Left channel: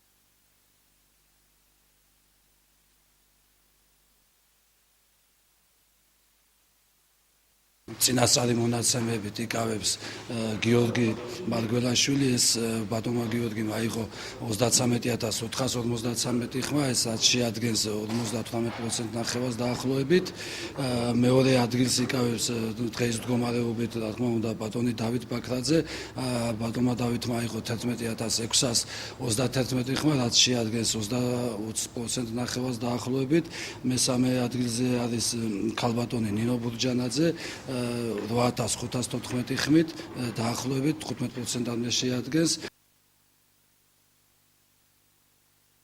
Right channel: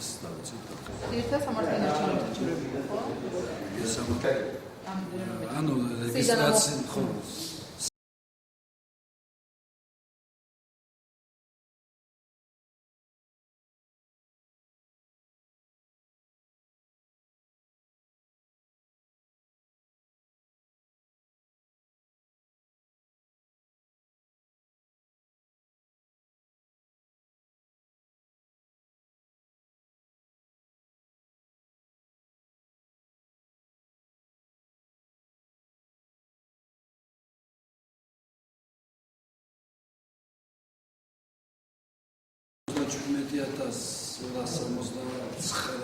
ეს დავიცით. Ერთად სამართლიანარჩევნო საჩუქრებია, ხო? ანუ რეგისტრაცია ხო წინასწარი მონაცემებით იკავებს გიორგი მარგველაშვილი ეს ბატონმა გიორგიმ აიღო 33453 ხმა ეს შეადგენს 58% ნახევარს დაახლოებით მეორე ადგილს იკავებს დღეს მდგომარეობით რა თქმა უნდა ბატონი დავით ბაქრაძე ბატონმა დავითმა აიღო 11631 ხმა რაც შეადგენს 20% ნახევარს დაახლოებით მესამე ადგილზე არის ქალბატონი ნინო ბურჯანაძე 8514 ხმით დაახლოებით 15%-ამდე შეადგენს 17259